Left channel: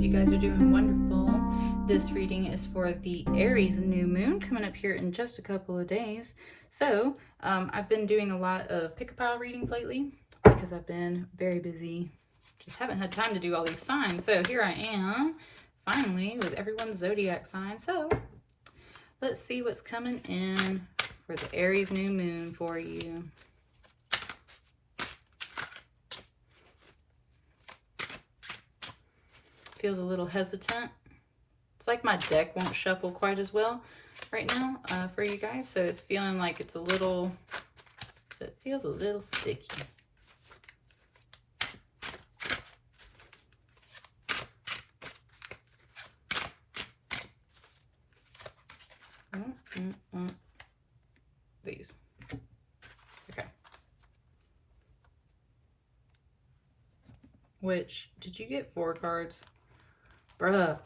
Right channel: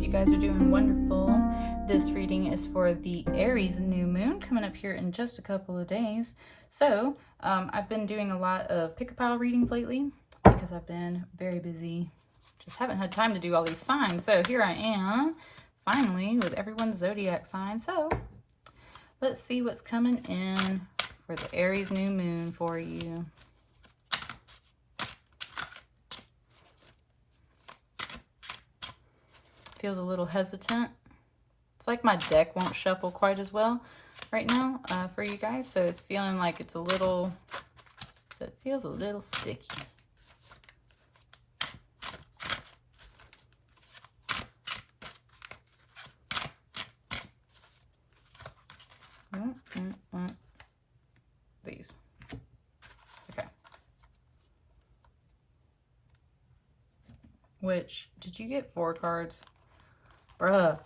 hope you guys are doing wonderful. This reading is for the Aries new moon coming up here in just a couple of days. So I've been doing a lot of pick-a-pile readings lately because I've been very busy. Just haven't had time to do all these signs. So here I am, finally, with everyone's zodiac sign. So let's see what's coming in for the Aries new moon for you. Feels a little hesitant. It's like my deck won't shuffle quite as well right now for you guys. So it's feeling like it's a little, so it feels a little sticky. These. Okay. Which, did you get 4 cards? Bruh.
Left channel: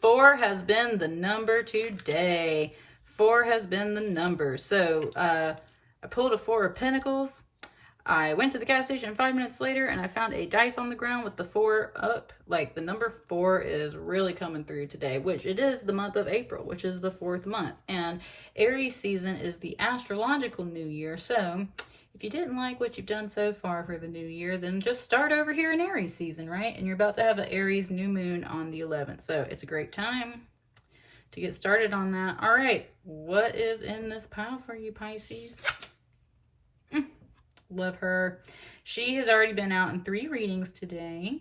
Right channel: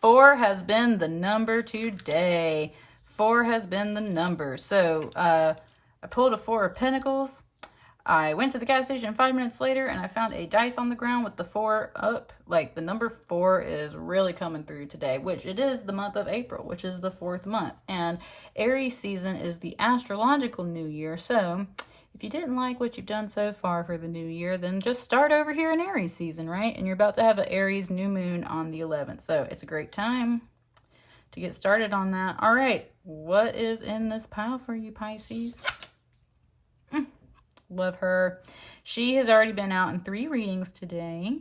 4 has been the number today. 4 has been the number. So I pulled a 4 of Pentacles. I went to the gas station 5 minutes later and I found a dice on the ground with the 4 up. Like the number 4 is really coming through today, which it is the month of April, which is the 4th month. And Aries season is the astrological new year. So if you didn't like what you've done so far for the new year, then just start over here in Aries season, right? And you're about to have an Aries new moon on the 11th. So it's a great time to get started on that. All right, what is in this pile for you, Pisces? Love her. She has already been out in 3 readings today.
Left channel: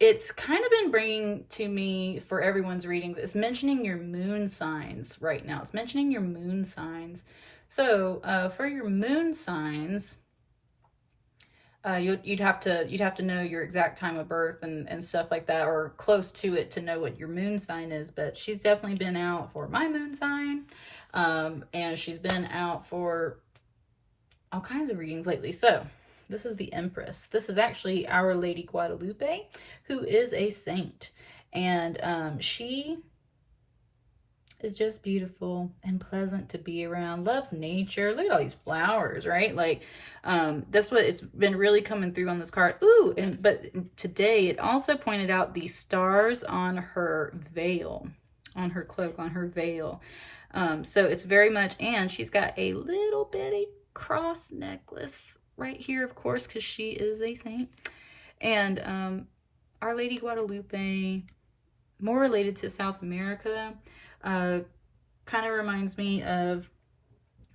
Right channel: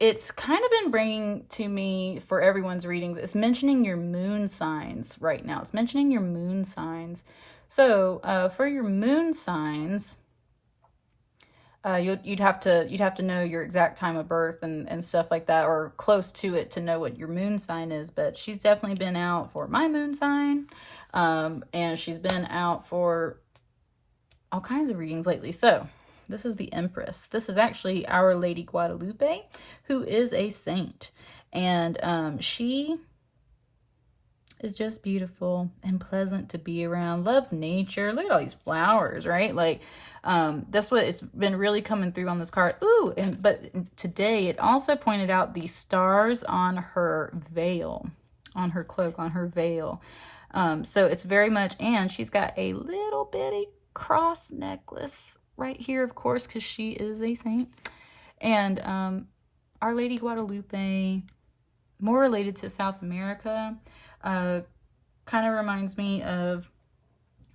It's kind of been bringing to me for everyone's readings, it's mentioning your moon signs right now. It's mentioning your moon signs. So for your moon signs, you'd have to know your exact time of birth and stuff like that, or close to it, to know what your moon sign is. But she's definitely been out for my moon sign, and she's been out for all kinds of readings lately. So this is the Empress. This is actually Our Lady Guadalupe, who is a saint, and she is just beautiful and pleasant to be around, loves nature. Look at all these flowers, right? Like that's what it's been really coming through on this card. Ooh, but today it also pointed out the stars on her veil, on her cloak, on her veil. So it's very much, and she's got a little bitty cross necklace right here, of course, because she is a saint. And Our Lady Guadalupe, more related to South America, kind of reminds me of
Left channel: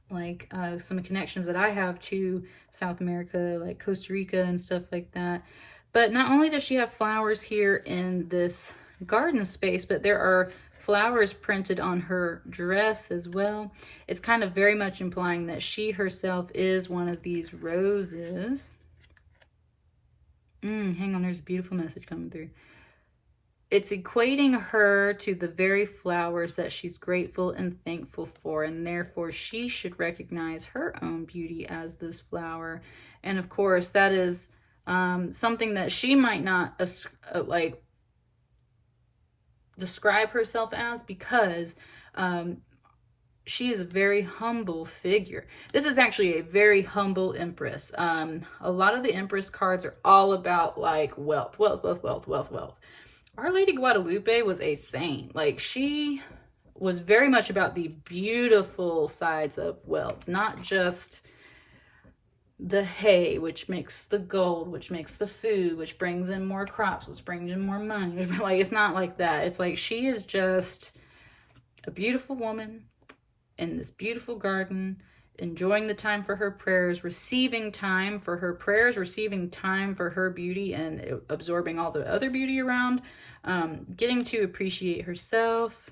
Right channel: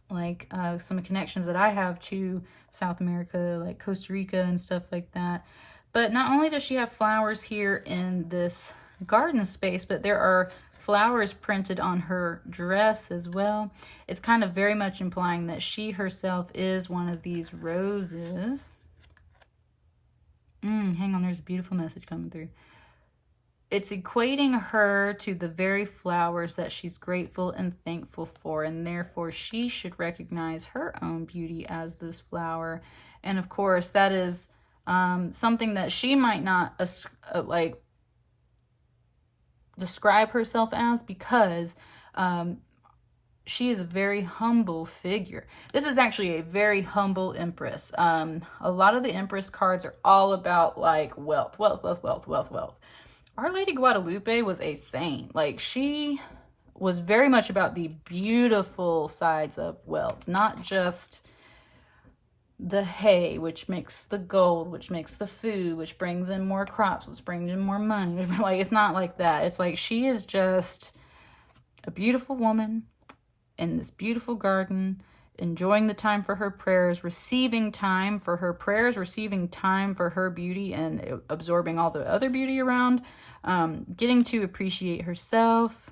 like some connections that I have to South America, like Costa Rica and stuff like that. But not only does she have flowers here in this garden space, but there are flowers printed on her dress as well. It's kind of very much implying that she herself is one of these roses. Hang on, there's a beautiful message coming through. It's equating her to the very flowers that she's grateful and thankful for, and therefore she should recognize her own beauty as this flower. And of course, that is something that she might not like describe herself as, because she is a very humble figure. This is actually a very humble Empress. A lot of the Empress cards are all about like wealth. Our Lady Guadalupe was a saint. Like, she was very much about the beautiful sides of wealth, not just the hay, which makes the gold, which makes the food, which brings in more crops, which brings in more money. Like, it's not like that. It's like she is just a beautiful woman in this beautiful garden, enjoying the time for her prayers, receiving time for her prayers, receiving time for her beauty, and absorbing all the other beauty around, getting to appreciate herself,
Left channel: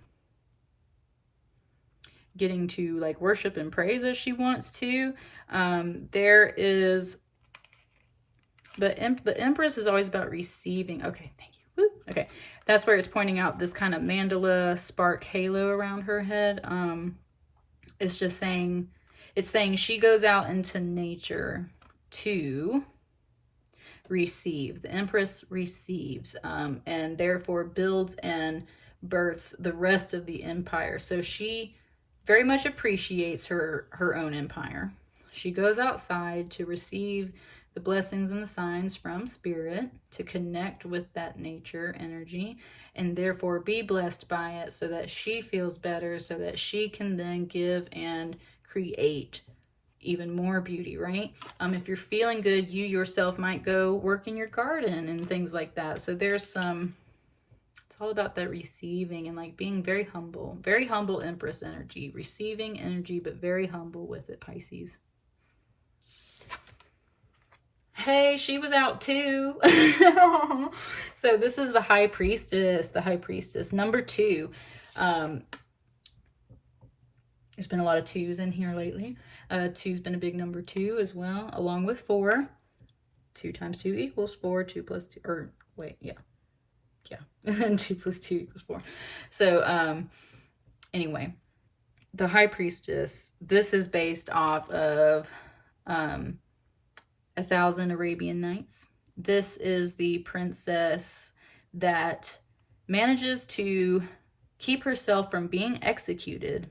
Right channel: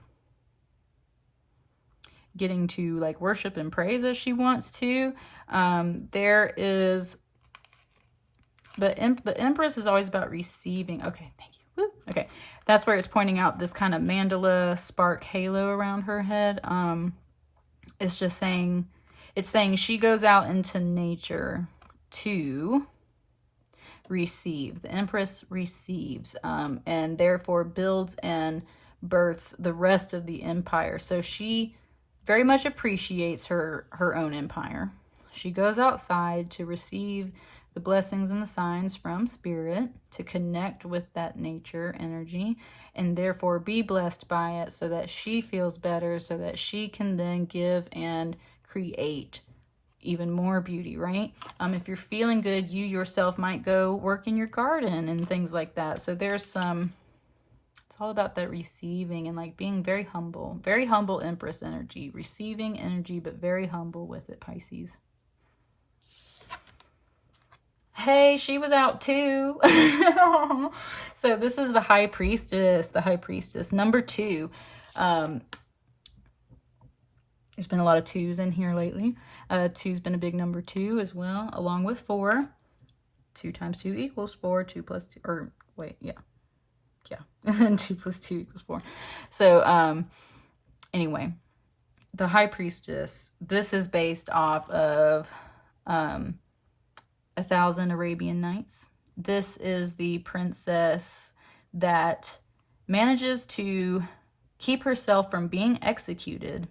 getting to like worship and praise as she wants to. There is the Empress is always about receiving. Okay, thank you. Woo. Okay, that's where it's pointing out this kind of mandala spark halo around her head. It's just saying, it's saying she goes out into nature to receive. The Empress receives, and therefore builds and births the rest of the empire. So she very much appreciates her own empire. She goes outside to receive the blessings and the signs from spirit to connect with that nature energy and therefore be blessed by it so that she feels better, so that she can then give and create even more beauty, right? If you're feeling good, you yourself might go work in your garden and things like that. So there's some, it's all about that receiving and like being very humble Empress energy, receiving energy, but very humble with it, Pisces. Hey, she was out too. So this is the High Priestess, number 2. There's been a lot of 2s in here lately. 2's been a big number 2 as well, along with 4. 2 times 2 equals 4. 2 plus 2, or wait, yeah. And then 2 plus 2 equals 4. So, anyway, the High Priestess, this is based off of 1,000 Arabian Nights. This is the princess that manages to keep herself from being executed,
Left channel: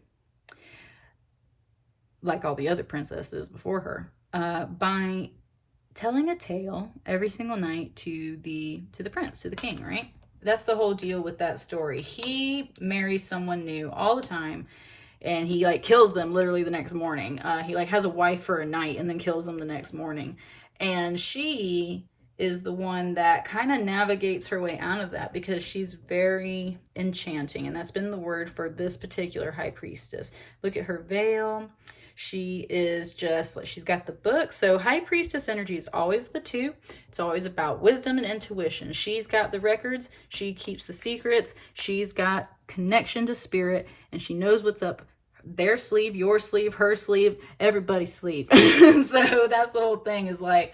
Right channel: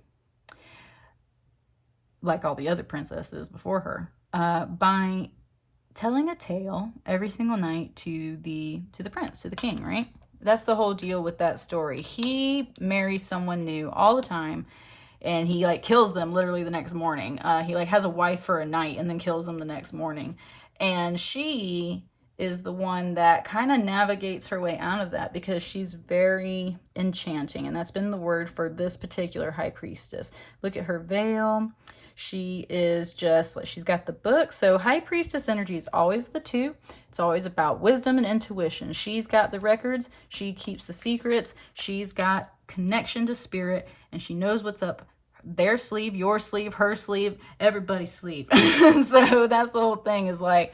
like all the other princesses before her, by telling a tale every single night to the prince, to the king, right? That's the whole deal with that story. He marries someone new all the time, and he like kills them literally the next morning. He like has a wife for a night and then kills them the next morning. And she is the one that kind of navigates her way out of that because she's very enchanting. And that's been the word for this particular High Priestess. Look at her veil. She is just like, she's got the book. So High Priestess energy is always the 2. It's always about wisdom and intuition. She's got the records. She keeps the secrets. She's got connection to spirit, and she knows what's up their sleeve, your sleeve, her sleeve, everybody's sleeve. So that's the whole thing, is like,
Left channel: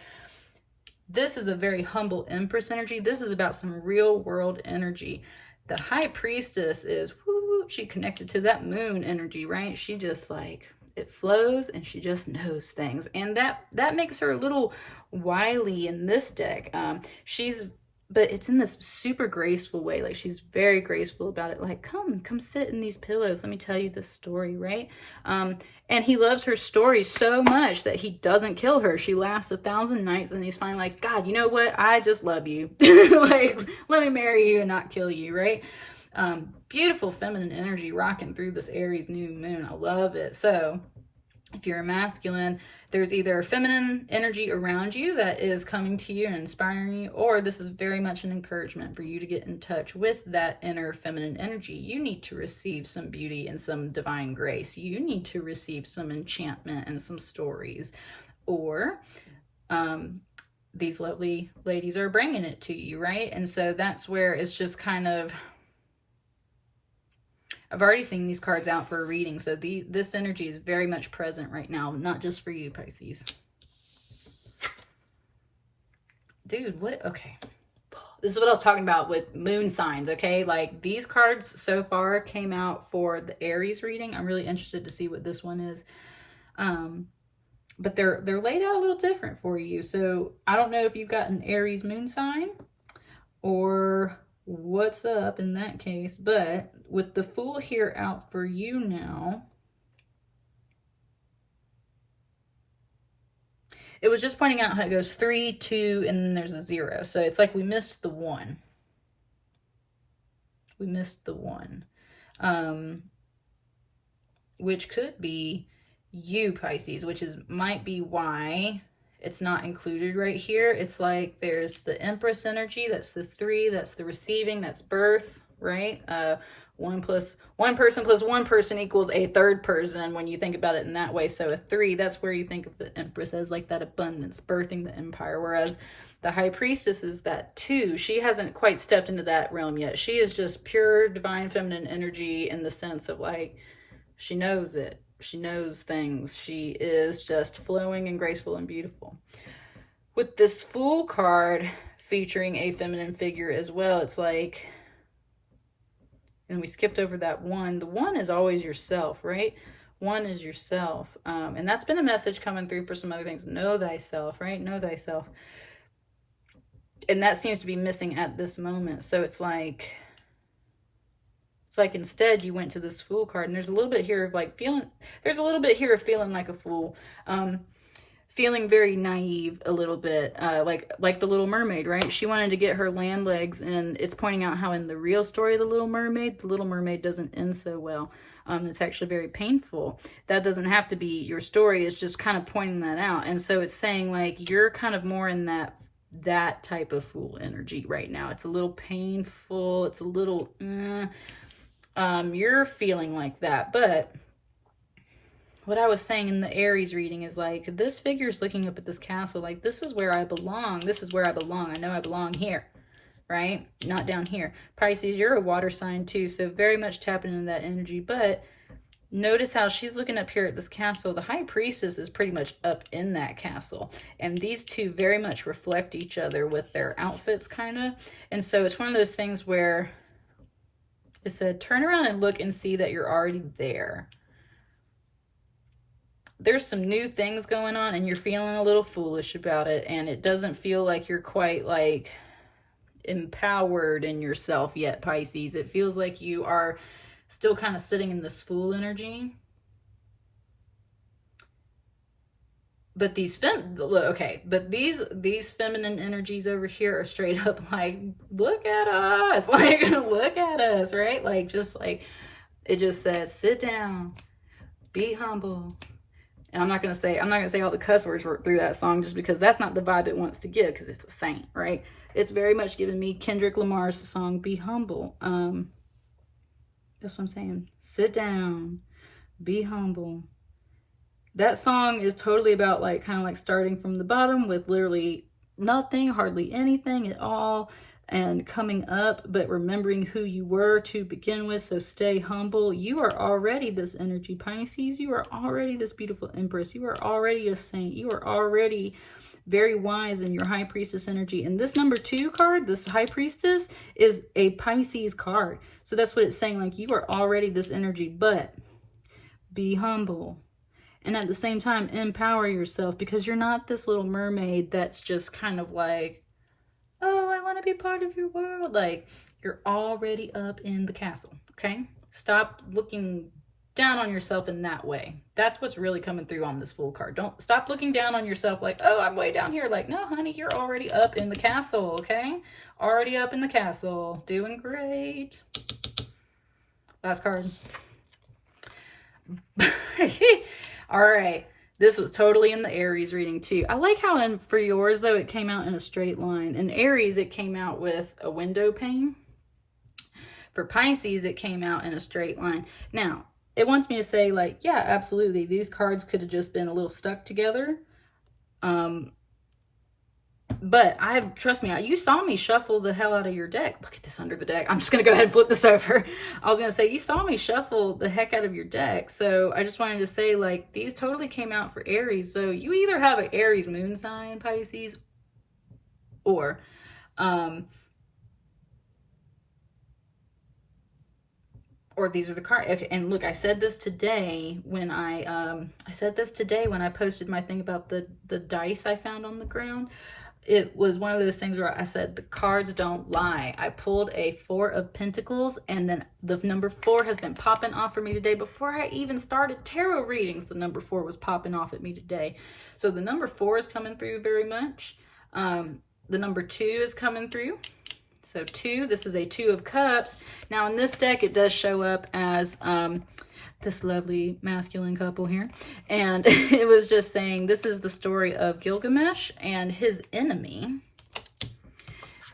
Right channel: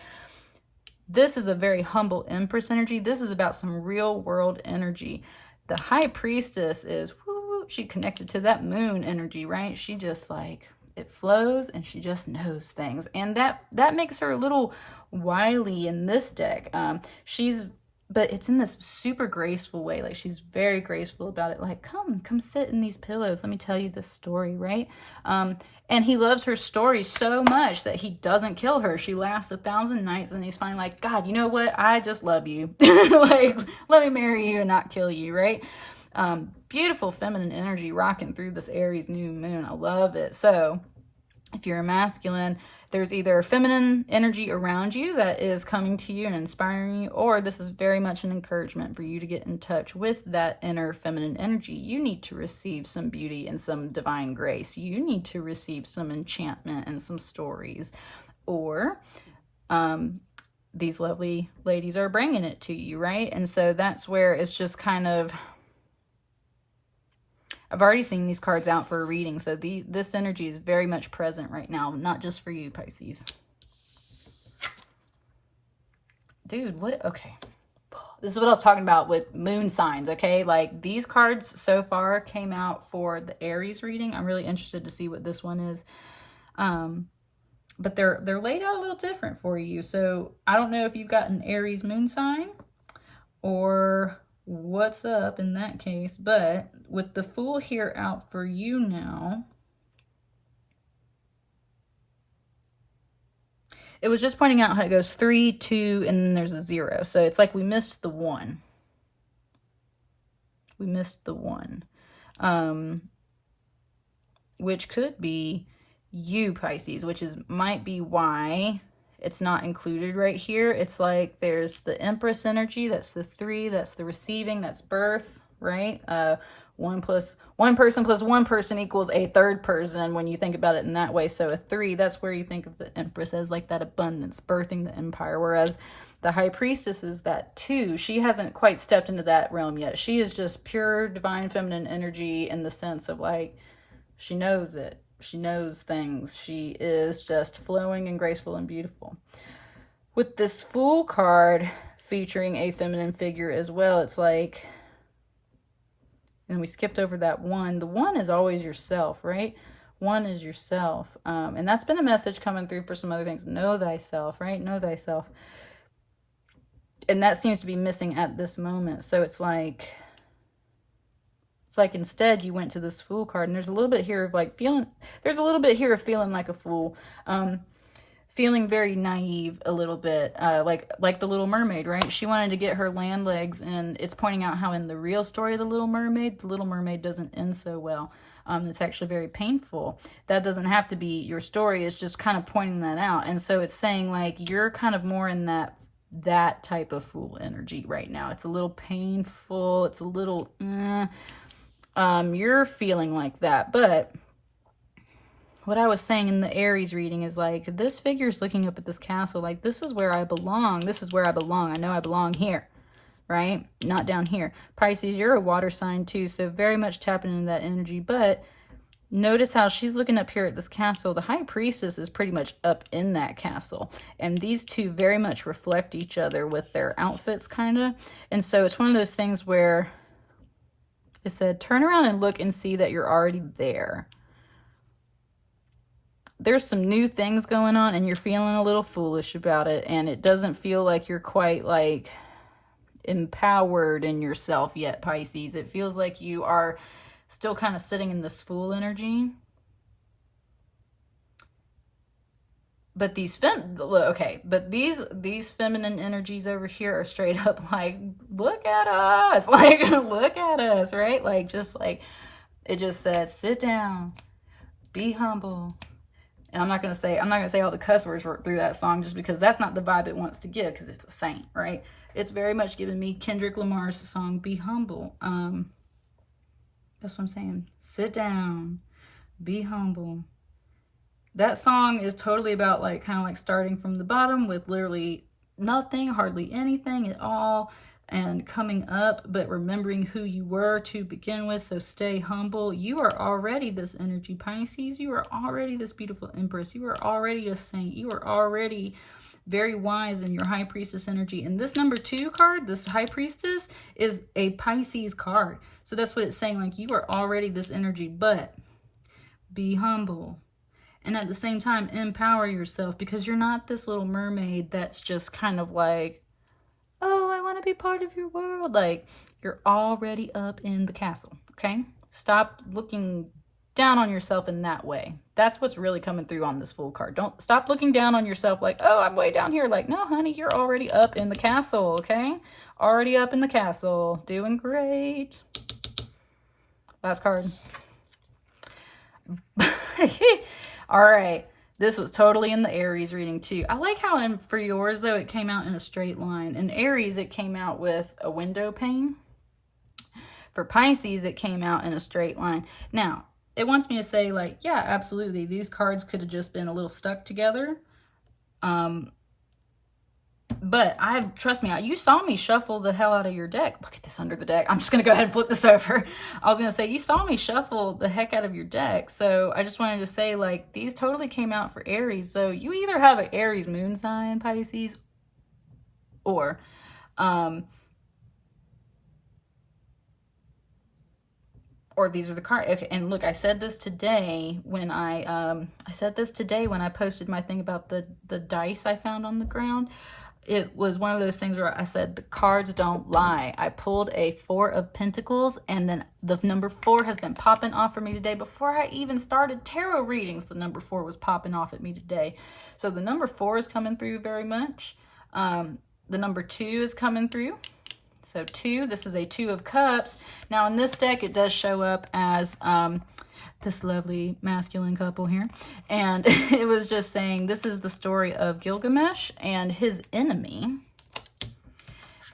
this is a very humble Empress energy. This is about some real world energy. The High Priestess is, woo, she connected to that moon energy, right? She just like, it flows and she just knows things. And that makes her a little wily in this deck. But it's in this super graceful way. Like, she's very graceful about it. Like, come sit in these pillows. Let me tell you this story, right? And he loves her story so much that he doesn't kill her. She lasts 1,000 nights, and he's finally like, God, you know what? I just love you. Like, let me marry you and not kill you, right? Beautiful feminine energy rocking through this Aries new moon. I love it. So if you're a masculine, there's either a feminine energy around you that is coming to you and inspiring you, or this is very much an encouragement for you to get in touch with that inner feminine energy. You need to receive some beauty and some divine grace. You need to receive some enchantment and some stories, or these lovely ladies are bringing it to you, right? And so that's where it's just kind of, I've already seen these cards out for a reading, so this energy is very much present right now, not just for you, Pisces. Dude, what? Okay. This is what I was talking about with moon signs, okay? Like, these cards so far came out for the Aries reading. I'm really interested to see what this one is. But they're laid out a little different for you. So I don't know if you've got an Aries moon sign or what's up in that case, but with the Fool here out for you now, it was just pointing out how it goes 3, 2, and then there's a 0. So it's like we missed the 1. We missed the 1. Which could be you, Pisces, which might be why it's not included right here. It's like there's the Empress energy, that's the 3, that's the receiving, that's birth, right? 1 person plus 1 person equals a third person when you think about it in that way. So a 3, that's where you think of the Empress as like that abundance, birthing the empire. Whereas the High Priestess is that 2. She hasn't quite stepped into that realm yet. She is just pure divine feminine energy in the sense of like, she knows it. She knows things. She is just flowing and graceful and beautiful. With this Fool card featuring a feminine figure as well, it's like, and we skipped over that 1. The 1 is always yourself, right? 1 is yourself. And that's been a message coming through for some other things. Know thyself, right? Know thyself. And that seems to be missing at this moment. So it's like instead you went to this Fool card, and there's a little bit here of like feeling, there's a little bit here of feeling like a fool. feeling very naive a little bit, like the Little Mermaid, right? She wanted to get her land legs, and it's pointing out how in the real story of the Little Mermaid doesn't end so well. It's actually very painful. That doesn't have to be your story. It's just kind of pointing that out. And so it's saying like you're kind of more in that type of fool energy right now. It's a little painful. It's a little, you're feeling like that. But what I was saying in the Aries reading is like, this figure's looking up at this castle. Like, this is where I belong. This is where I belong. I know I belong here, right? Not down here. Pisces, you're a water sign too. So very much tapping into that energy. But notice how she's looking up here at this castle. The High Priestess is pretty much up in that castle. And these two very much reflect each other with their outfits, kind of. And so it's one of those things where it said, turn around and look and see that you're already there. There's some new things going on and you're feeling a little foolish about it. And it doesn't feel like you're quite like empowered in yourself yet, Pisces. It feels like you are still kind of sitting in this fool energy. But these these feminine energies over here are straight up like, look at us, like, look at us, right? Like, just like, it just says, sit down, be humble. And I'm not gonna say all the cuss words through that song just because that's not the vibe it wants to give, because it's a saint, right? It's very much giving me Kendrick Lamar's song, Be Humble. That's what I'm saying. Sit down, be humble. That song is totally about like kind of like starting from the bottom with literally nothing, hardly anything at all, and coming up, but remembering who you were to begin with. So stay humble. You are already this energy, Pisces. You are already this beautiful Empress. You are already a saint. You are already very wise in your High Priestess energy. And this number 2 card, this High Priestess, is a Pisces card. So that's what it's saying. Like, you are already this energy, but be humble. And at the same time, empower yourself, because you're not this little mermaid that's just kind of like, oh, I want to be part of your world. Like, you're already up in the castle, okay? Stop looking down on yourself in that way. That's what's really coming through on this Fool card. Don't stop looking down on yourself like, oh, I'm way down here. Like, no, honey, you're already up in the castle, okay? Already up in the castle. Doing great. Last card. All right. This was totally in the Aries reading too. I like how for yours, though, it came out in a straight line. In Aries, it came out with a window pane. For Pisces, it came out in a straight line. Now, it wants me to say, like, yeah, absolutely. These cards could have just been a little stuck together. But trust me, you saw me shuffle the hell out of your deck. Look at this under the deck. I'm just going to go ahead and flip this over. I was going to say, you saw me shuffle the heck out of your deck. So I just wanted to say, like, these totally came out for Aries. So you either have an Aries moon sign, Pisces, or these are the cards. Okay, and look, I said this today when I posted my thing about the dice I found on the ground. It was one of those things where I said the cards don't lie. I pulled a 4 of Pentacles, and then the number 4 has been popping off for me today. Before I even started tarot readings, the number 4 was popping off at me today. So the number 4 is coming through very much. The number 2 is coming through. So 2, this is a 2 of Cups. Now in this deck, it does show up as this lovely masculine couple here. And it was just saying, this is the story of Gilgamesh and his enemy.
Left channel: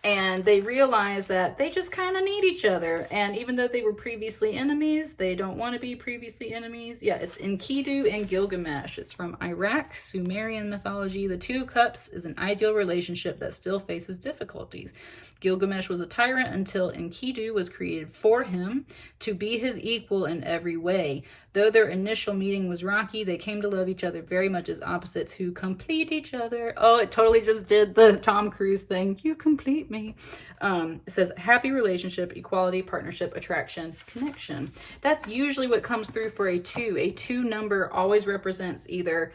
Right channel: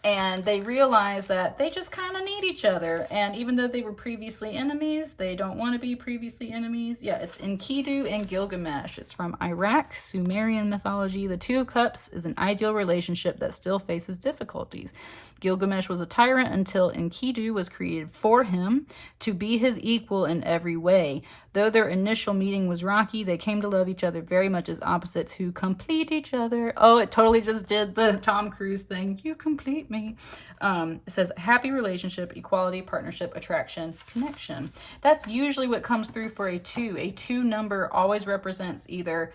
And they realize that they just kind of need each other. And even though they were previously enemies, they don't want to be previously enemies. Yeah, it's Enkidu and Gilgamesh. It's from Iraq, Sumerian mythology. The 2 of Cups is an ideal relationship that still faces difficulties. Gilgamesh was a tyrant until Enkidu was created for him to be his equal in every way. Though their initial meeting was rocky, they came to love each other very much as opposites who complete each other. Oh, it totally just did the Tom Cruise thing. You complete me. It says happy relationship, equality, partnership, attraction, connection. That's usually what comes through for a 2. A 2 number always represents either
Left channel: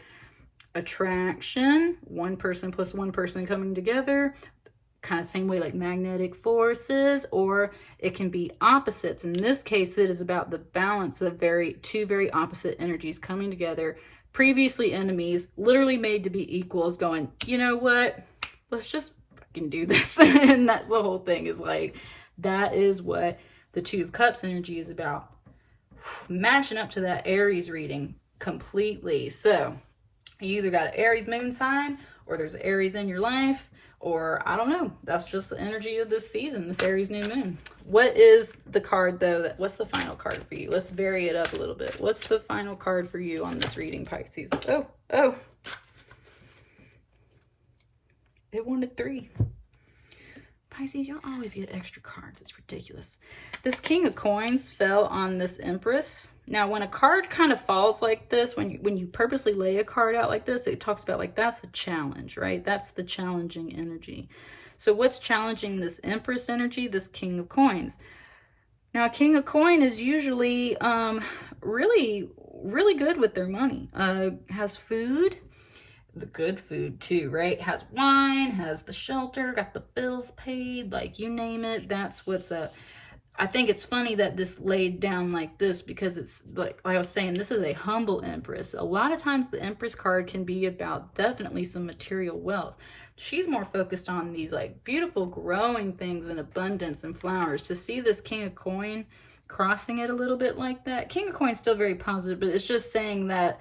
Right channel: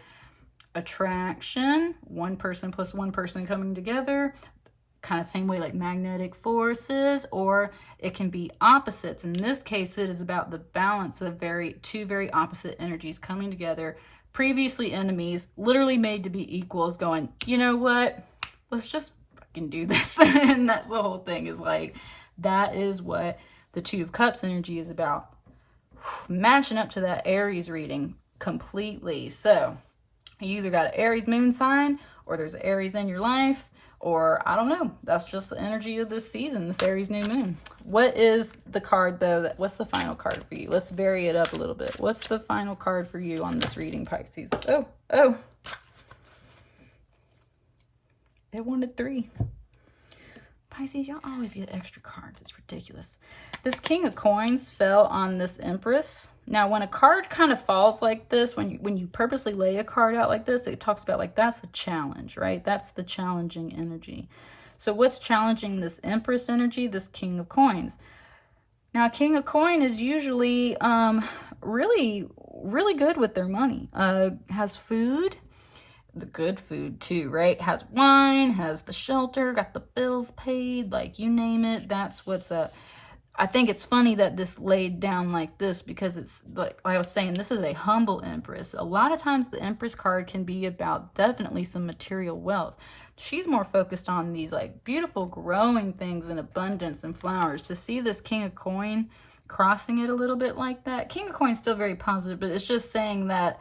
attraction, one person plus one person coming together, kind of same way like magnetic forces, or it can be opposites. In this case, it is about the balance of 2 very opposite energies coming together, previously enemies, literally made to be equals, going, you know what? Let's just fucking do this. And that's the whole thing, is like, that is what the Two of Cups energy is about. Matching up to that Aries reading completely. So you either got an Aries moon sign, or there's Aries in your life, or I don't know. That's just the energy of this season, this Aries new moon. What is the card though? What's the final card for you? Let's vary it up a little bit. What's the final card for you on this reading, Pisces? Oh. It wanted 3. Pisces, y'all always get extra cards. It's ridiculous. This King of Coins fell on this Empress. Now, when a card kind of falls like this, when you purposely lay a card out like this, it talks about like, that's a challenge, right? That's the challenging energy. So what's challenging this Empress energy? This King of Coins. Now, a King of Coin is usually really, really good with their money. Has food. The good food too, right? Has wine, has the shelter, got the bills paid, like you name it. That's what's up. I think it's funny that this laid down like this, because it's like I was saying, this is a humble Empress. A lot of times the Empress card can be about definitely some material wealth. She's more focused on these like beautiful growing things and abundance and flowers. To see this King of Coin crossing it a little bit like that. King of Coin is still very positive, but it's just saying that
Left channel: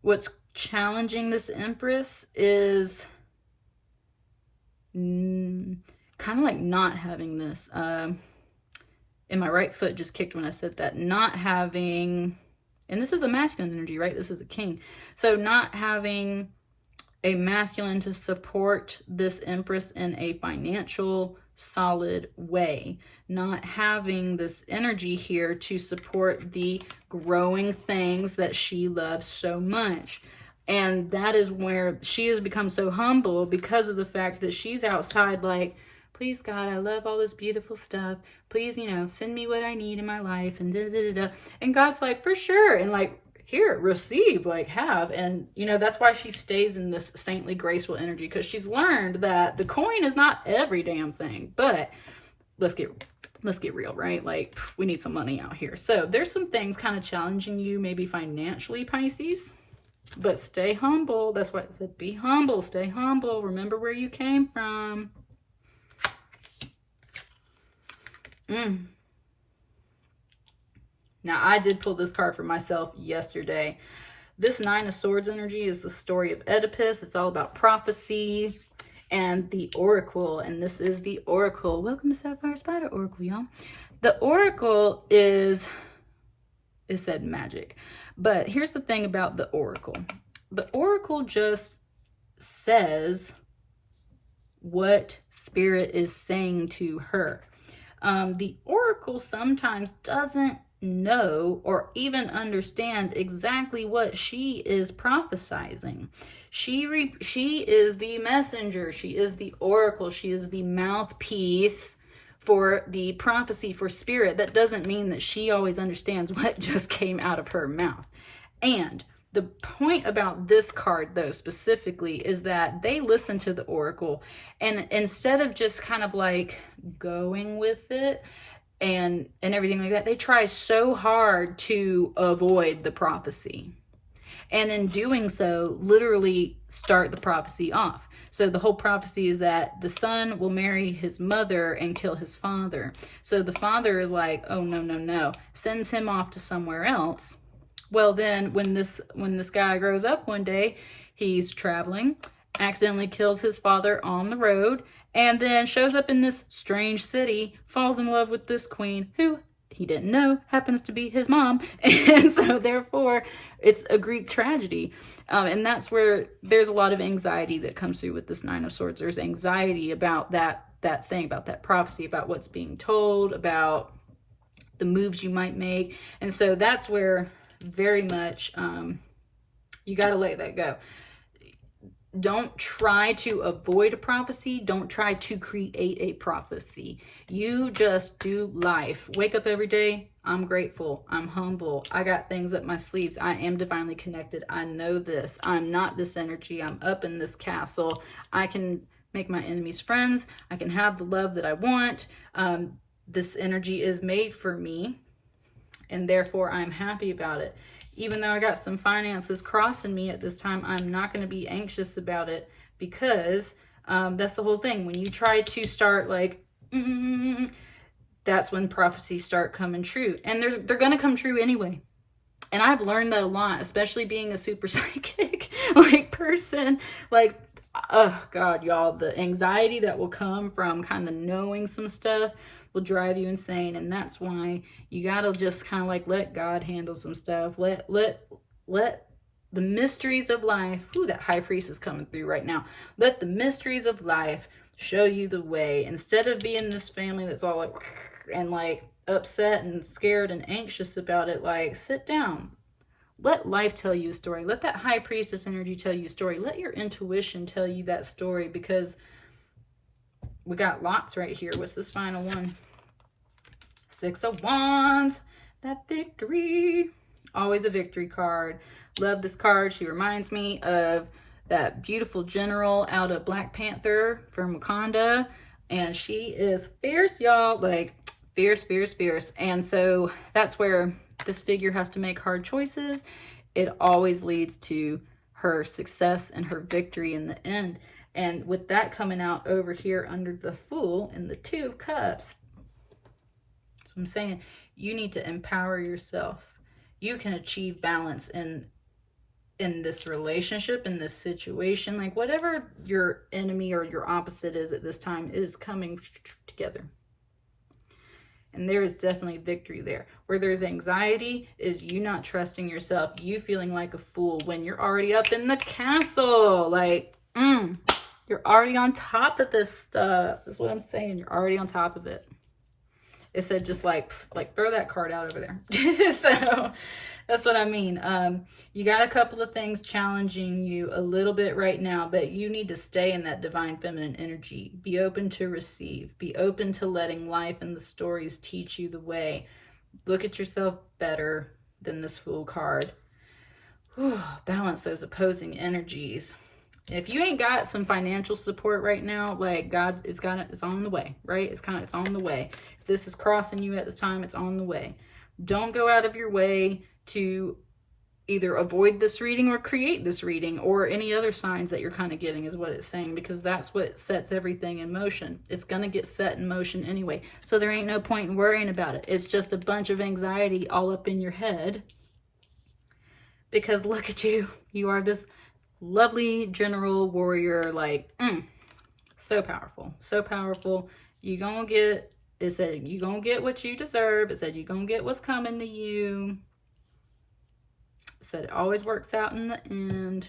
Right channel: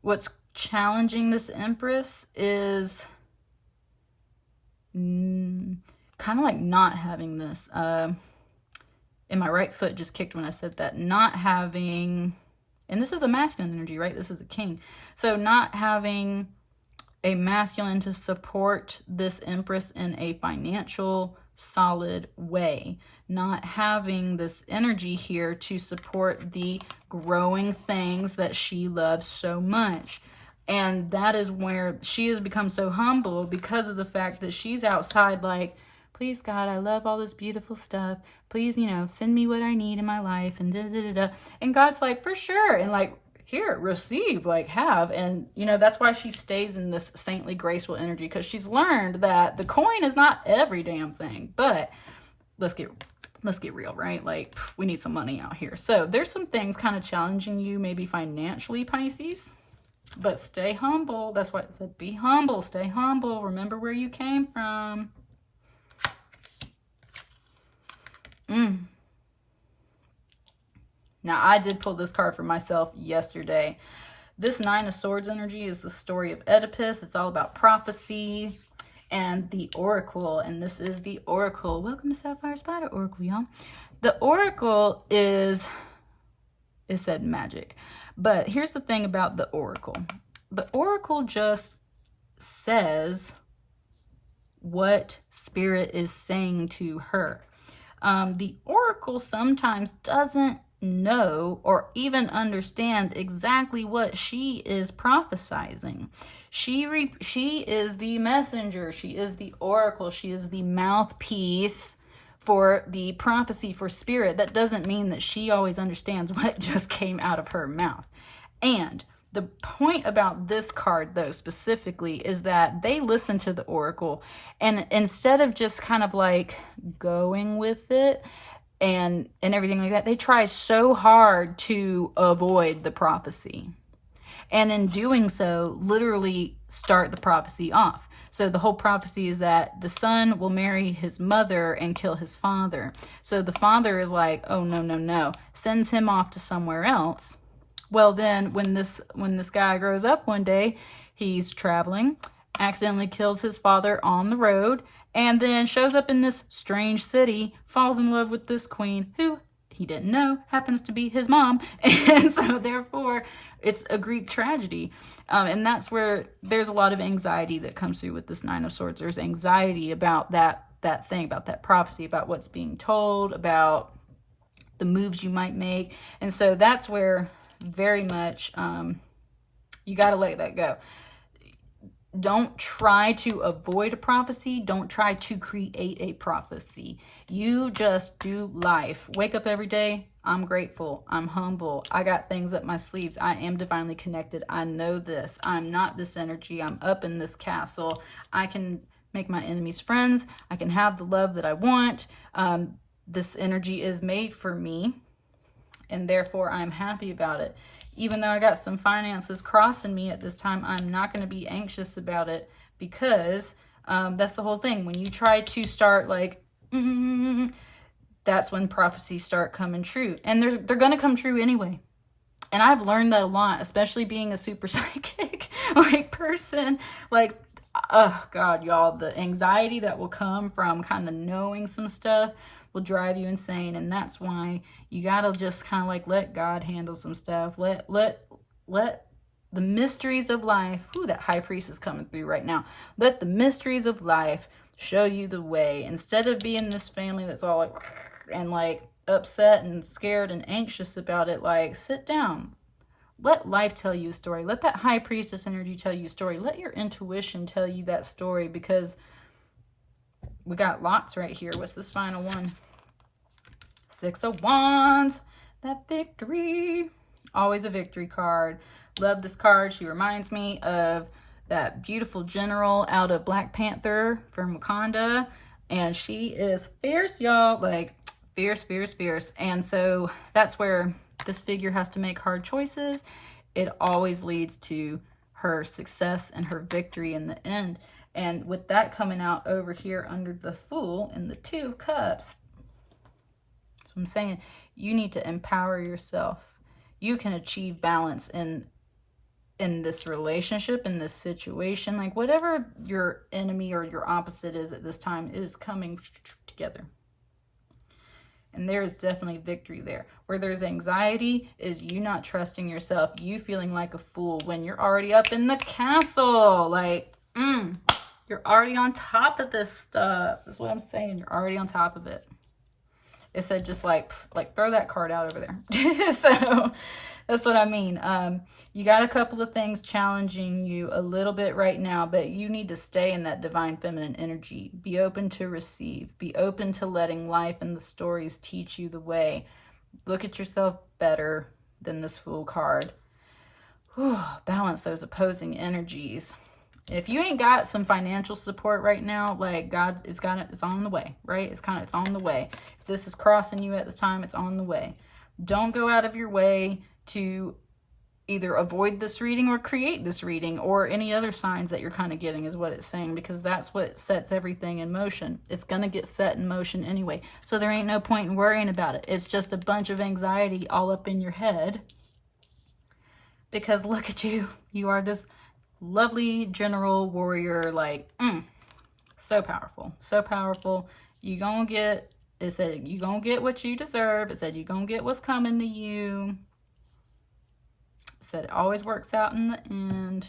what's challenging this Empress is kind of like not having this. And my right foot just kicked when I said that. Not having, and this is a masculine energy, right? This is a king. So not having a masculine to support this Empress in a financial solid way. Not having this energy here to support the growing things that she loves so much. And that is where she has become so humble, because of the fact that she's outside like, please God, I love all this beautiful stuff. Please, you know, send me what I need in my life, and da-da-da-da. And God's like, for sure. And like, here, receive, like have. And, you know, that's why she stays in this saintly, graceful energy, because she's learned that the coin is not every damn thing. But let's get real, right? Like, we need some money out here. So there's some things kind of challenging you, maybe financially, Pisces. But stay humble. That's why it said be humble. Stay humble. Remember where you came from. Now, I did pull this card for myself yesterday. This Nine of Swords energy is the story of Oedipus. It's all about prophecy and the Oracle. And this is the Oracle. Welcome to Sapphire Spider Oracle, y'all. The Oracle is, it said magic. But here's the thing about the Oracle. The Oracle just says what Spirit is saying to her. The Oracle sometimes doesn't know or even understand exactly what she is prophesizing. She is the messenger. She is the Oracle. She is the mouthpiece for the prophecy for Spirit. That doesn't mean that she always understands what just came out of her mouth. And the point about this card, though, specifically, is that they listen to the Oracle, and instead of just kind of like going with it and everything like that, they try so hard to avoid the prophecy. And in doing so, literally start the prophecy off. So the whole prophecy is that the son will marry his mother and kill his father. So the father is like, oh, no, sends him off to somewhere else. Well, then when this guy grows up one day, he's traveling, accidentally kills his father on the road, and then shows up in this strange city, falls in love with this queen who he didn't know happens to be his mom. And so therefore it's a Greek tragedy. And that's where there's a lot of anxiety that comes through with this Nine of Swords. There's anxiety about that thing, about that prophecy, about what's being told, about the moves you might make. And so that's where very much you got to let that go. Don't try to avoid a prophecy. Don't try to create a prophecy. You just do life. Wake up every day. I'm grateful. I'm humble. I got things up my sleeves. I am divinely connected. I know this. I'm not this energy. I'm up in this castle. I can make my enemies friends. I can have the love that I want. This energy is made for me, and therefore I'm happy about it. even though I got some finances crossing me at this time, I'm not going to be anxious about it, because that's the whole thing. When you try to start like, that's when prophecies start coming true. And they're going to come true anyway. And I've learned that a lot, especially being a super psychic like person. Like, oh God, y'all, the anxiety that will come from kind of knowing some stuff will drive you insane. And that's why you gotta just kind of like let God handle some stuff. Let the mysteries of life, ooh, that high priest is coming through right now. Let the mysteries of life show you the way. Instead of being this family that's all like, and like upset and scared and anxious about it, like sit down. Let life tell you a story. Let that high priestess energy tell you a story. Let your intuition tell you that story, because we got lots right here. What's this final one? 6 of Wands. That victory. Always a victory card. Love this card. She reminds me of that beautiful general out of Black Panther from Wakanda. And she is fierce, y'all. Like, fierce, fierce, fierce. And so that's where this figure has to make hard choices. It always leads to her success and her victory in the end. And with that coming out over here under the Fool and the 2 of Cups, that's what I'm saying. You need to empower yourself. You can achieve balance in this relationship, in this situation. Like, whatever your enemy or your opposite is at this time is coming together. And there is definitely victory there. Where there's anxiety is you not trusting yourself. You feeling like a fool when you're already up in the castle. Like, you're already on top of this stuff. That's what I'm saying. You're already on top of it. It said just like throw that card out over there. So that's what I mean. You got a couple of things challenging you a little bit right now, but you need to stay in that divine feminine energy. Be open to receive. Be open to letting life and the stories teach you the way. Look at yourself better than this Fool card. Whew, balance those opposing energies. If you ain't got some financial support right now, like God, it's on the way, right? It's on the way. If this is crossing you at this time, it's on the way. Don't go out of your way to either avoid this reading or create this reading, or any other signs that you're kind of getting is what it's saying, because that's what sets everything in motion. It's going to get set in motion anyway. So there ain't no point in worrying about it. It's just a bunch of anxiety all up in your head, because look at you. You are this lovely general warrior, like, so powerful, so powerful. You gonna get, it said, you gonna get what you deserve. It said, you gonna get what's coming to you. It said, it always works out in the end.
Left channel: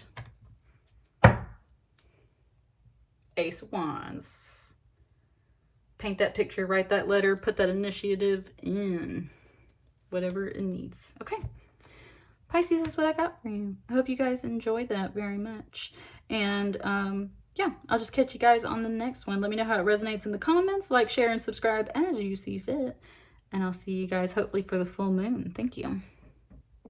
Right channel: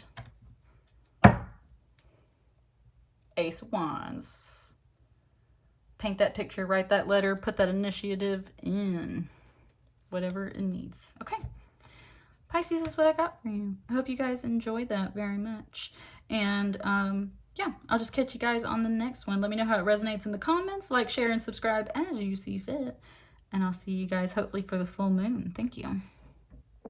Ace of Wands. Paint that picture, write that letter, put that initiative in. Whatever it needs. Okay. Pisces is what I got for you. I hope you guys enjoyed that very much. And yeah, I'll just catch you guys on the next one. Let me know how it resonates in the comments. Like, share, and subscribe as you see fit. And I'll see you guys hopefully for the full moon. Thank you.